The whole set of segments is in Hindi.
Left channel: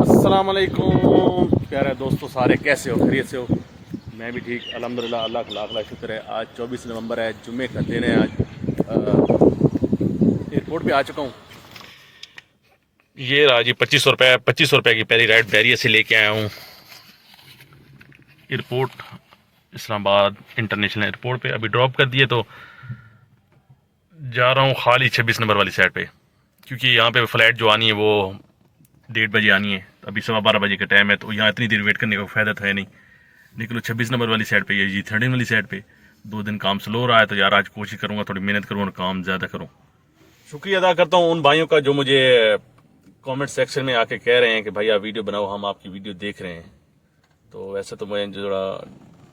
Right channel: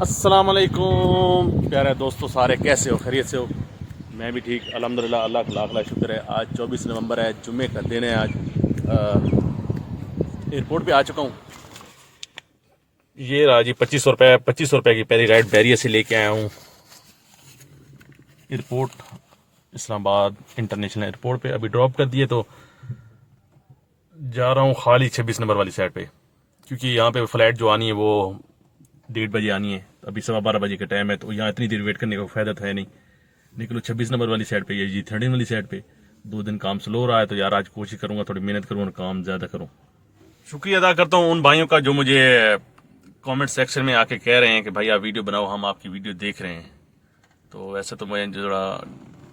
अस्सलाम वालेकुम प्यारे दोस्तों, सारे कैसे हो? खैरियत से हो? मैं भी ठीक अल्हम्दुलिल्लाह। अल्लाह का लाख लाख शुक्र है। आज 24 नवंबर है, जुम्मे का दिन है। आज एयरपोर्ट पे आ चुका हूँ। ये रहा जी 2500 रुपये की पहली राइड बैरियर से लेके आया हूँ एयरपोर्ट, इस्लामाबाद इंटरनेशनल एयरपोर्ट पे। अभी ड्रॉप कर दिए तो जा रहा हूँ खाली 26 नंबर वाली साइड पे, क्योंकि यहाँ पे फ़्लाइट जो आनी है वो 1:30 बजे आनी है। अभी 12:15 बजे का टाइम है, तो यहाँ इतनी देर वेट करने का फ़ायदा तो है नहीं। निकलो 26 नंबर वाली साइड पे, ये G13 वाली साइड पे। 2 दिन काम स्लो रहा है, तो यार आज कोशिश करूँगा, थोड़ी मेहनत करूँगा, काम ज़्यादा करूँ। शुक्रिया अदा करता हूँ उन भाइयों का जो मुझे कमेंट सेक्शन में आके कह रहे हैं कि भाई आप वीडियो बनाओ, हम आपकी वीडियो देख रहे हैं। तो वैसे तो मैं थोड़ा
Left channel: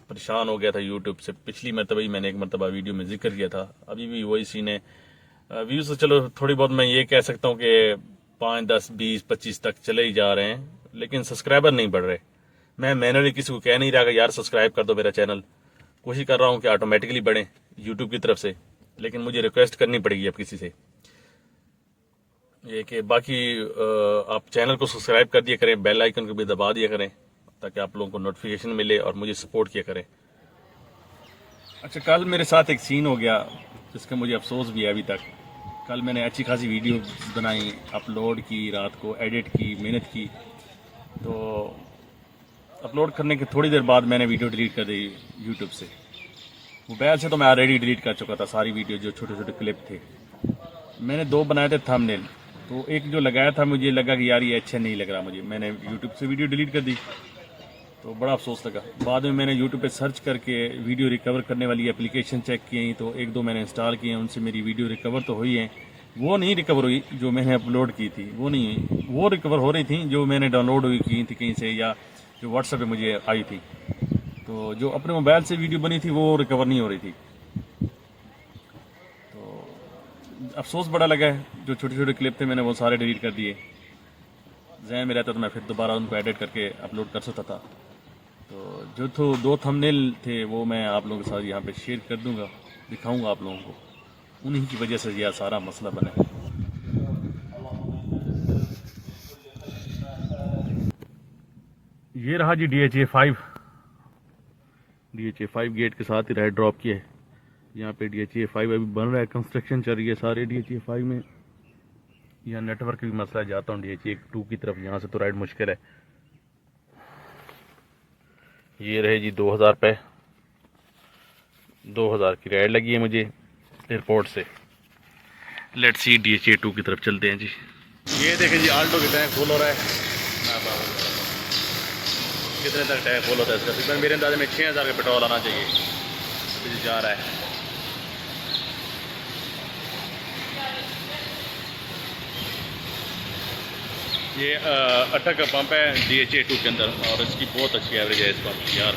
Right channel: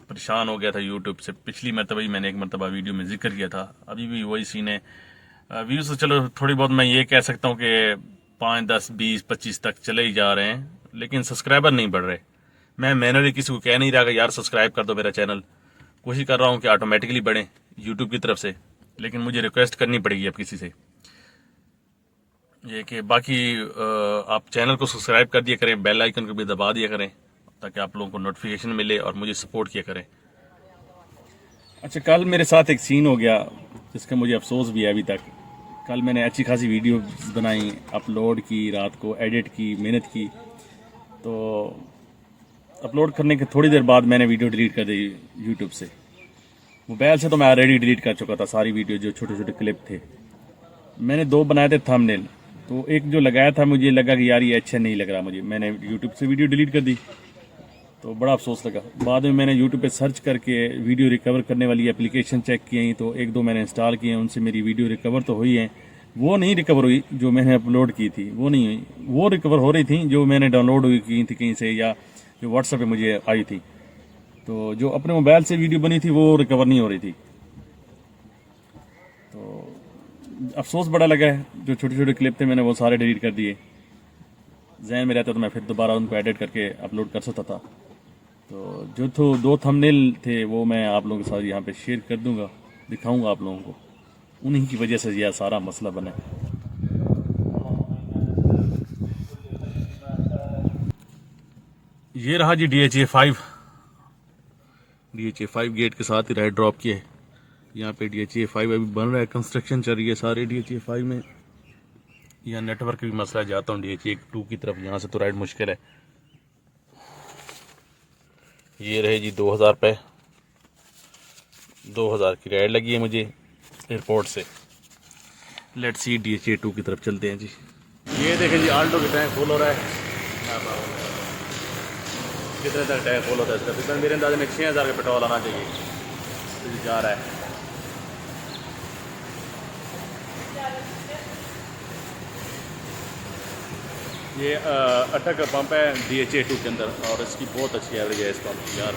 परेशान हो गया था यूट्यूब से। पिछली मरतबा ही मैंने एक मरतबा वीडियो में जिक्र किया था, अभी भी वही सीन है। व्यूज़ तो चलो थोड़ी बहुत मैं ये कह सकता हूँ कि 5, 10, 20, 25 तक चले ही जा रहे हैं, लेकिन सब्सक्राइबर नहीं बढ़ रहे। मैं मैनुअली किसी को कह नहीं रहा कि यार सब्सक्राइब कर दो मेरा चैनल। कोशिश कर रहा हूँ कि ऑटोमेटिकली बढ़े यूट्यूब की तरफ से, लेकिन मुझे रिक्वेस्ट करनी पड़ेगी अब किसी से ये कि बाकी आप चैनल को सब्सक्राइब कर दिया करें, बेल आइकन को भी दबा दिया करें, ताकि आप लोगों को नोटिफिकेशन मिले और मुझे सपोर्ट किया करें। अच्छा, कल मेरे साथ एक सीन हो गया जिसका मुझे अफसोस भी है अभी तक। कल मैंने अच्छी खासी वीडियो बनाई, अपलोड की, रात को एडिट की, मेहनत की। तो अपलोड करने के थोड़ी देर बाद मैंने वीडियो डिलीट कर दी यूट्यूब से। मोबाइल से तो मैं ऑलरेडी डिलीट कर चुका था सारी वीडियो, जो छोटे छोटे क्लिप थे। मैंने 2 बनाए थे थंबनेल, तो एक जो लगाया था मुझे लगा कि यार ये अच्छा नहीं लग रहा मुझे, मैंने यूट्यूब से वीडियो डिलीट कर दी। तो बड़ा अफसोस लगा। बाद में मैंने यूट्यूब पे सर्च करके वीडियो रिकवर करने वाली एप्लीकेशन चेक की, तो 1-2 मैंने इंस्टॉल किए, उनसे मेरी वीडियो रिकवर तो हुई है। वो नहीं रिकवर हुई जो मैंने अपलोड की थी, वो नहीं हुई। वो रिकवर हो रही थी जो मैंने डाउनलोड हुई की थी कहीं से, या जो व्हाट्सएप पे मुझे आई थी। तो जो अपने मोबाइल से वीडियो बनी थी वो रिकवर नहीं हो रही थी। तो अफसोस बड़ा लगा है। जो छोटे छोटे क्लिप थे मैंने वो सारे डिलीट कर दिए। जहन में रहता तो मैं फिर दोबारा उनको एडिट करके अपलोड कर सकता था। तो जो 2 थंबनेल थे वो मैं आप लोगों के साथ यहाँ पे शेयर कर दूंगा, दिखाऊंगा आप लोगों को। उन्हीं की वजह से यह सारा मसला बना है। ये रहा जी DHA5 गेट के साथ ही राइड ड्रॉप किए। यहाँ पे DHA5 अभी बन रहा है, कंस्ट्रक्शन चल रही है सारे DHA5 में। यहाँ नेटवर्क भी मसला है, जाता हूँ DHA2 की तरफ, यहाँ से तो राइड मुश्किल है। ये रहे जी 2000 रुपये, 2000 की राइड लगी है मुझे एयरपोर्ट से। लेट्स सी DHA2 की तरफ चलते हैं जी। ये देखें जी, आल्टो की टैंक फुल हो रहा है। कितने तक टैंक फुल होता है इसका? तकरीबन मेरे अंदाजे में 6000 का पेट्रोल आना चाहिए। अभी जा रहा है। ये अटक का पंप है DHA2 के अंदर, और इसकी बहुत अच्छी एवरेज है इस पंप की यार।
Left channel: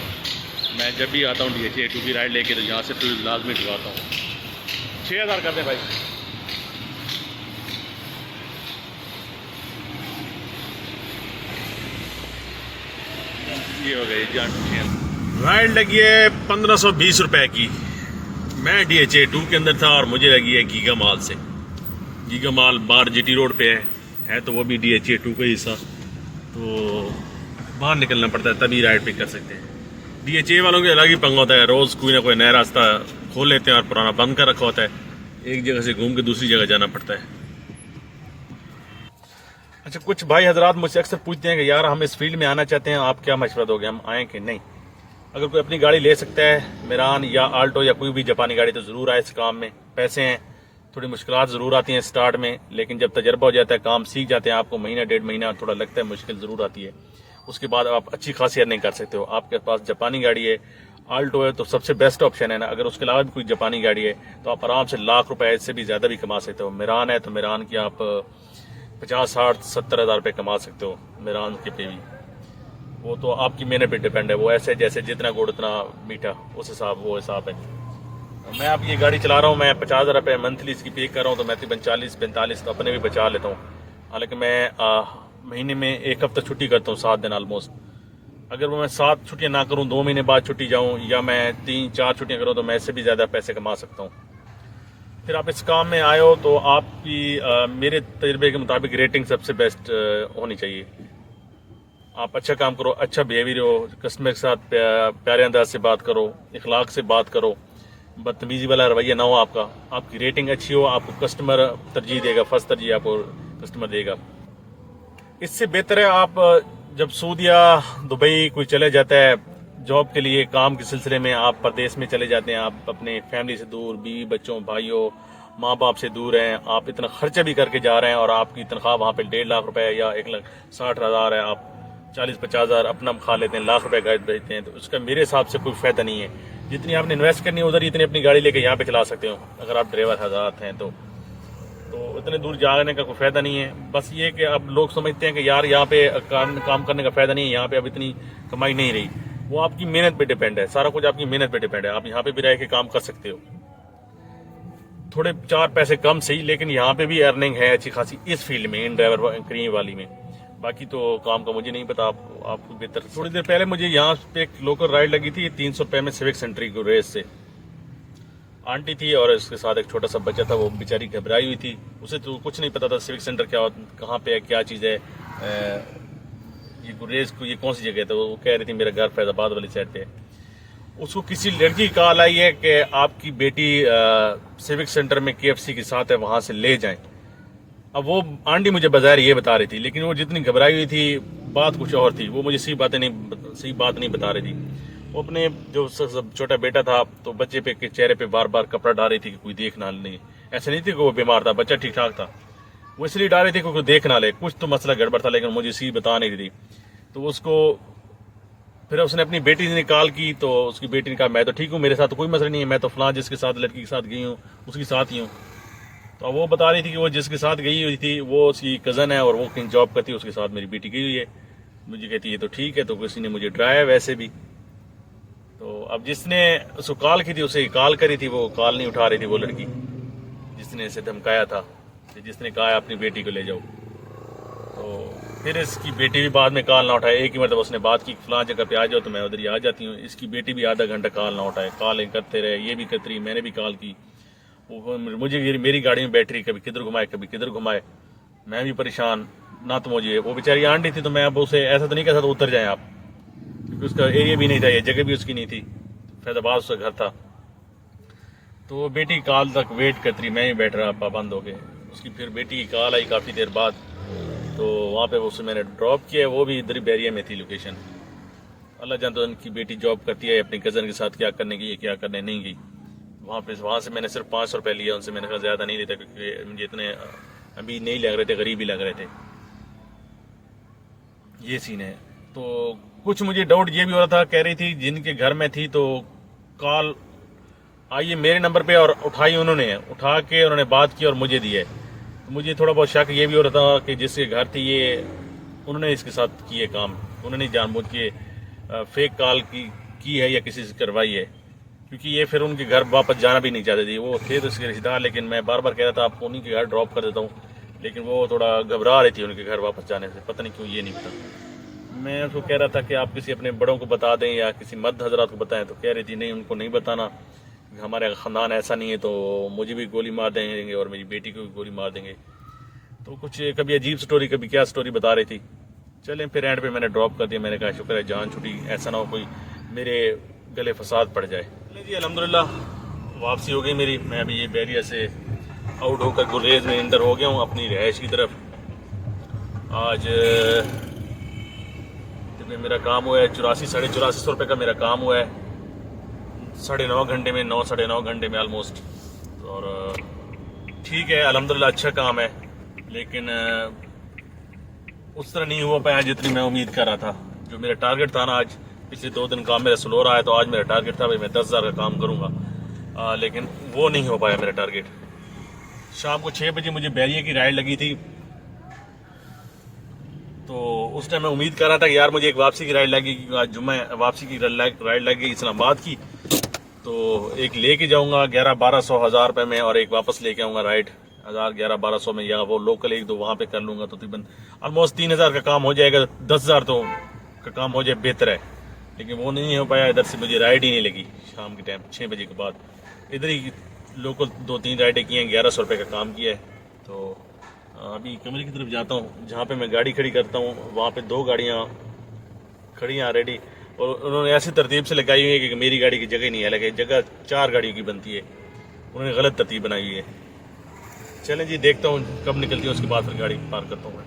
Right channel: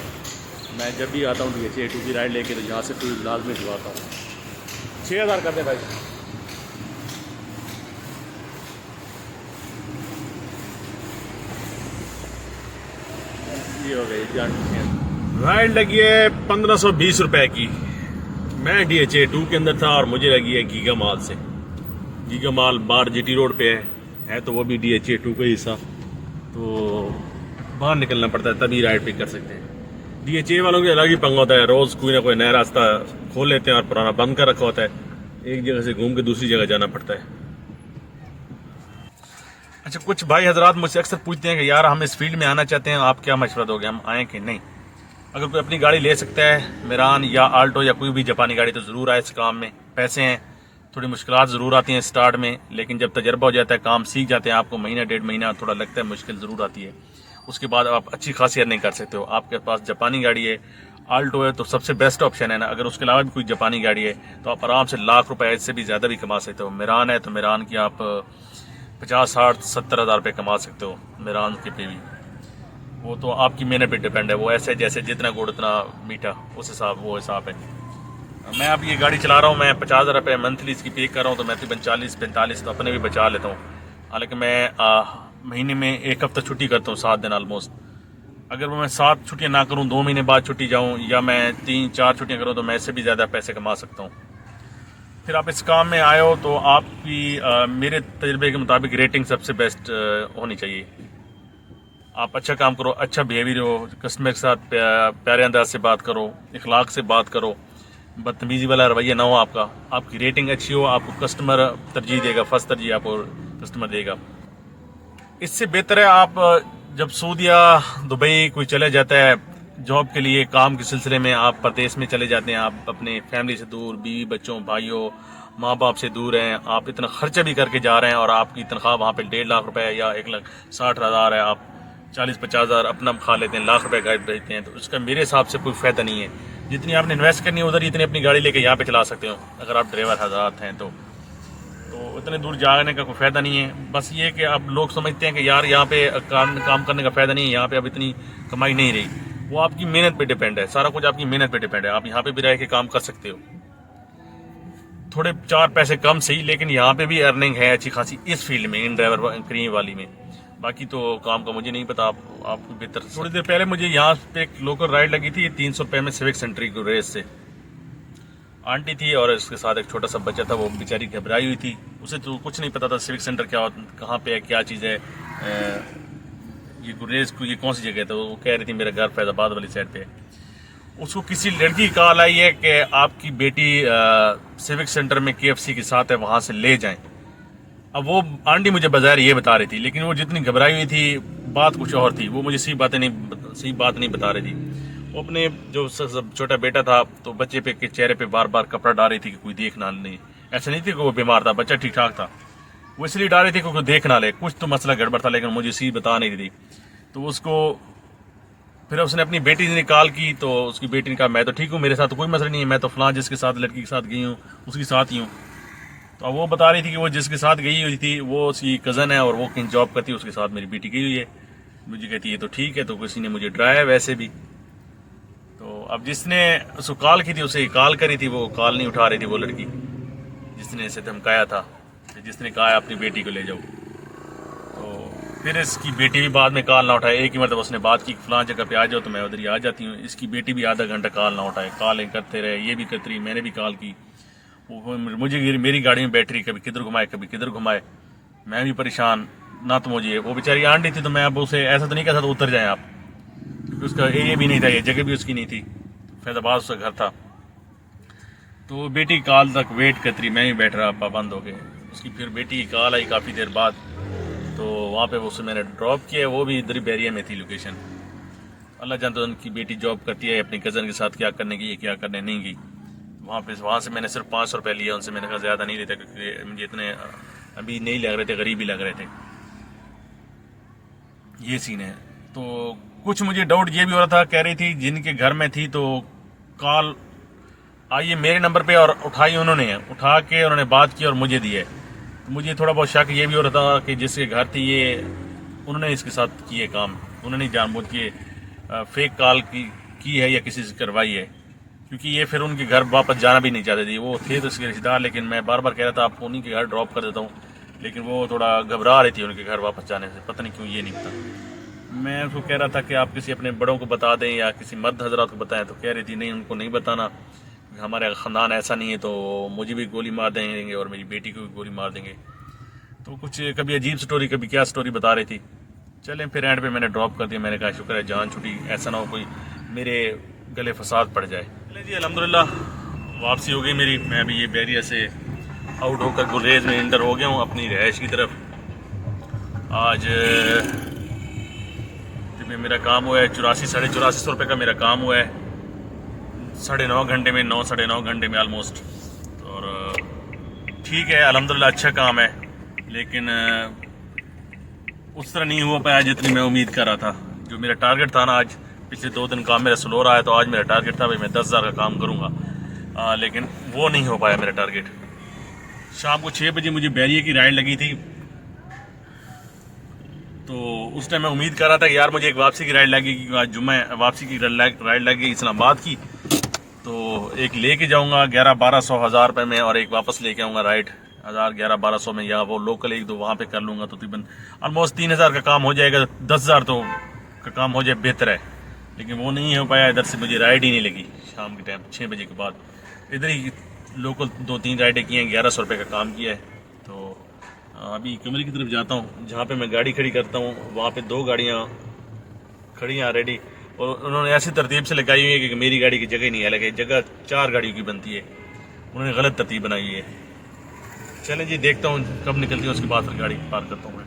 मैं जब भी आता हूँ DHA2 की राइड लेके, तो यहाँ से फ्यूल लाजमी ढुलाता हूँ। 6000 कर दें भाई। ये हो गई जान। राइड लगी है 1520 रुपए की। मैं DHA2 के अंदर था और मुझे लगी है गीगा माल से। गीगा माल बार GT रोड पे है तो वो भी DHA2 का हिस्सा। तो बाहर निकलना पड़ता है तभी राइड पिक कर सकते हैं। DHA वालों के अलग ही पंगा होता है, रोज़ कोई ना कोई नया रास्ता खोल लेते हैं और पुराना बंद कर रखा होता है। एक जगह से घूम के दूसरी जगह जाना पड़ता है। अच्छा, कुछ भाई हजरात मुझसे अक्सर पूछते हैं कि यार हम इस फील्ड में आना चाहते हैं, आप क्या मशवरा दोगे, हम आएँ कि नहीं? अगर कोई अपनी गाड़ी ले सकता है, मेरान या आल्टो या कोई भी जापानी गाड़ी, तो ज़रूर आए इस काम में। पैसे हैं, थोड़ी मुश्किलात ज़रूर आती हैं स्टार्ट में, लेकिन जब तजर्बा हो जाता है, काम सीख जाते हैं, आपको महीना 1.5 महीना थोड़ा लगता है, मुश्किल ज़रूर आती है। उसके बाद आप अच्छी खासी अर्निंग कर सकते हो। आपके पास जापानी गाड़ी है, आल्टो है, तो सबसे बेस्ट ऑप्शन है ना। अगर उसके अलावा भी कोई जापानी गाड़ी है तो आप आराम से लाख रुपए से भी ज़्यादा भी कमा सकते हो। मेरान है तो मेरान की आप 50, 60, 70 हज़ार रुपये कमा सकते हो मेरान के पे भी। वो तो आपकी मेहनत पे डिपेंड है। वो ऐसे जैसे जितना गुड़ उतना मीठा, उस हिसाब वो हिसाब है। मैं अब ये गाड़ी चला रहा हूँ, मैं 50,000 रुपये मंथली इसकी पे कर रहा हूँ, तो मैं तकरीबन 40-45 तो अपने भी बचा लेता हूँ। हालांकि मैं महीने में 1 हफ्ता छुट्टी करता हूँ, 7 दिन ऑलमोस्ट। अगर मैं 7 छुट्टियाँ ना करूँ, 2 महीने बाद छुट्टी जाऊँ, या मैं 3-4 छुट्टियाँ करूँ, तो मैं इससे भी ज़्यादा पैसे कमा सकता हूँ। फिर आप इस काम में आए हो तो आपकी मेरे तजुर्बे के मुताबिक रेटिंग सबसे बेस्ट होनी चाहिए। आप अच्छा काम करो, अच्छा बिहेवियर हो, कस्टमर के साथ प्यारे अंदाज से बात करो, इखलाक से बात करो, बदतमीजी वाला रवैया ना हो आपका, आपकी रेटिंग अच्छी हो, आपको कस्टमर तरजीह देगा, फर्स्ट तरजीह आपको कस्टमर देगा। इससे बेहतर है आप जब सऊदी या दुबई कोई चले जाता है जॉब के लिए, काम के सिलसिले में आप परदेश में चले जाते हैं, आप अपने फैमिली से दूर, बीवी बच्चों भाइयों माँ बाप से दूर हैं, आप इतना खर्चा भी करके जा रहे हैं और आपकी तनख्वाह वहाँ पे 1.5 लाख रुपए या 1,60,000 है, आप 40-50 हज़ार अपना खा लेते हैं, लाख रुपए घर भेजते हैं, तो उसका मेरे हिसाब से कोई फायदा नहीं है। जितनी आपने इन्वेस्ट करनी है उधर इतनी अपनी गाड़ी लेके यहाँ पे चला सकते हो अगर आप ड्राइवर हज़ात हैं तो इतने दूर जाने का कोई फायदा नहीं है। बस ये कि अब लोग समझते हैं कि यार यहाँ पे काम करने का फायदा नहीं है, यहाँ पे अब इतनी कमाई नहीं रही। वो आपकी मेहनत पे डिपेंड है, सारा कुछ आपकी मेहनत पे डिपेंड है। आप यहाँ पे भी रह के काम कर सकते हो, थोड़े 4 पैसे कम सही, लेकिन यहाँ पे भी अर्निंग है अच्छी खासी इस फील्ड में, इन ड्राइवर क्रीम वाली में। बाकी तो काम का मुझे नहीं पता, आपको बेहतर। थोड़ी देर पहले मुझे यहाँ पे एक लोकल राइड लगी थी 300 रुपये में सिविक सेंटर की रेस से। आंटी थी और उसके साथ एक छोटा सा बच्चा था, वो बेचारी घबराई हुई थी, उसे तो कुछ नहीं पता था सिविक सेंटर क्या, कहाँ पे है, क्या चीज़ है, ये रेस को, ये कौन सी जगह है। तो वो कह रही थी मेरा घर फैजाबाद वाली साइड पे है। उसको किसी लड़की की कॉल आई है कि आपकी बेटी सिविक सेंटर में KFC के साथ है, वहाँ से ले जाएं। अब वो आंटी मुझे बाजार ये बता रही थी, लेकिन वो जितनी घबराई हुई थी बात कुछ और थी, वो मुझे सही बात नहीं बता रही थी। वो अपने जो छोटा बेटा था तो बच्चे पे के चेहरे पे बार बार कपड़ा डाल रही थी कि कोई देख ना ले। ऐसा नहीं थी कि वो बीमार था, बच्चा ठीक ठाक था, वो इसलिए डाल रही थी कि कोई देख ना ले, कुछ तो मसला गड़बड़ था, लेकिन मुझे सही बता नहीं रही थी। तो उसको फिर उसने अपनी बेटी ने कॉल की, तो उसकी बेटी ने कहा मैं तो ठीक हूँ, मेरे साथ तो कोई मसला नहीं है, मैं तो फलां जिसके साथ लड़की के साथ गई हूँ उसके साथ ही हूँ। तो वो बता रही थी कि वो जिसके साथ गई हुई थी वो उसकी कज़न है और वो कहीं जॉब करती है, उसके साथ मेरी बेटी गई हुई है। मुझे कहती है तो ठीक है, तो किसी ने मुझे डराया वैसे भी। तो अब जिसने उसको कॉल की थी उसे कॉल करी थी, वो कॉल नहीं उठा रही थी, वो लड़की जिसने इसे धमकाया था, जिसने कहा अपनी बेटी को ले जाओ। तो फिर इसकी बेटी भी बाद में कॉल ना उठाए, एक ही मतलब उसने बात की फलां जगह पे आ जाओ, तो मैं उधर ही आ जाती हूँ। इसकी बेटी भी आधा घंटा कॉल ना उठाए, कॉल करते रहे, ये भी करती रही, मैंने भी कॉल की, वो मुझे मेरी गाड़ी में बैटरी कभी किधर घुमाए कभी किधर घुमाए, मैं भी परेशान ना। तो मुझे वो बेचारी आंटी थी, तो मैं अब उसे ऐसा तो नहीं कह सकता उतर जाए आप, क्योंकि उसका एरिया भी नहीं था, ये जगह भी उसकी नहीं थी, फैजाबाद उसका घर था। तो बेटी कॉल तक वेट करती रही, मैं ही बैठ रहा पाबंद हो गए। उसकी फिर बेटी की कॉल आई काफ़ी देर बाद, तो वहाँ पे उसे मैंने ड्रॉप किया, वो भी इधर बैरिया में थी लोकेशन। अल्लाह जानता है उनकी बेटी जॉब करती है, अपनी कज़न के साथ क्या करने गई क्या करने नहीं गई। वहाँ से मैंने सिर्फ 500 रुपये लिया उनसे, मैंने कहा ज़्यादा नहीं लेता, क्योंकि मुझे इतने अभी नहीं लग रहे थे, गरीब ही लग रहे थे। ये सीन है। तो कुछ मुझे डाउट ये भी हो रहा था, कह रही थी जिनके घर में थी तो कॉल आई है मेरे नंबर पे और उठाई उन्होंने, उठा के उन्होंने बात की और मुझे दी है। तो मुझे थोड़ा बहुत शक ये भी हो रहा था कि जिसके घर थी ये, उन्होंने इसके साथ किए काम, उन्होंने जानबूझ के फेक कॉल की है या किसी से करवाई है, क्योंकि ये फिर उनके घर वापस जाना भी नहीं चाहते थे। वो थे तो इसके रिश्तेदार, लेकिन मैं बार बार कह रहा था आपको उन्हीं के घर ड्रॉप कर देता हूँ, लेकिन वो थोड़ा घबरा रही थी उनके घर वापस जाने से, पता नहीं क्यों, ये नहीं पता। मैं उसको कह रहा था कि आप किसी अपने बड़ों को बता दें या किसी मर्द हजरात को बताएं, तो कह रही थी नहीं उनको नहीं बताना, हमारे ख़ानदान ऐसा नहीं है, तो मुझे भी गोली मार देंगे और मेरी बेटी को भी गोली मार देंगे। तो कुछ कभी अजीब स्टोरी कभी क्या स्टोरी बता रही थी। चलें फिर एंड पे मैंने ड्रॉप कर दिया, मैंने कहा शुक्र है जान छुटी, ऐसा ना हो कोई मेरे गले फसाद पड़ जाए। जी अल्हम्दुलिल्लाह वापसी हो गई मेरी, मैं भी ये बैरिया से आउट होकर गुरेज में इंटर हो गया हूँ अपनी रहायश की तरफ। आज मेरा काम हुआ है 8400-8450 रुपये का मेरा काम हुआ है, 9.5 घंटे में, 9-9.5 घंटे में ऑलमोस्ट। और ठीक है अल्हम्दुलिल्लाह अच्छा काम है, लेकिन उस तरह नहीं हो पाया जितनी मैं उम्मीद कर रहा था। जो मेरा टारगेट था ना, आज पिछले 2 दिन काम मेरा स्लो रहा है, तो आज मेरा टारगेट था भाई मैं 10,000 का काम करूँगा, लेकिन वो नहीं हो पाया मेरा टारगेट। शाम को 6 बजे मुझे बैरिया की राइड लगी थी, तो उस टाइम मैं उम्मीद कर रहा था कि यार मुझे एक वापसी की राइड लगेगी, आज जुम्मे वापसी की राइड लगेगी इस्लामाबाद की, तो एक लेके जाऊँगा 1100-1200 हज़ार रुपये में, और एक वापस लेके आऊँगा राइड 1000-1100-1200 में, या वो लोकल एक दो वहाँ पे कर लूँगा, तो तकरीबन ऑलमोस्ट 3000 का काम हो जाएगा। 10,000 तो का काम हो जाए बेहतर है, लेकिन वो नहीं हो पाया। इधर से मुझे राइड ही नहीं लगी शाम के टाइम 6 बजे के बाद। इधर ही लोकल 2-3 राइडें की हैं, 1100 रुपये का काम किया है। तो अभी कमरे की तरफ जाता हूँ, जहाँ पे मैं गाड़ी खड़ी करता हूँ वहाँ पे 2 गाड़ियाँ खड़ी हैं ऑलरेडी, और उन्होंने ऐसी तरतीब से लगाई हुई है कि मेरी गाड़ी की जगह ही नहीं है, लगे जगह 4 गाड़ियों की बनती है, उन्होंने गलत तरतीब बनाई है। चलें जी, देखता हूँ कब निकलती है, उसके बाद फिर गाड़ी पार करता हूँ मैं।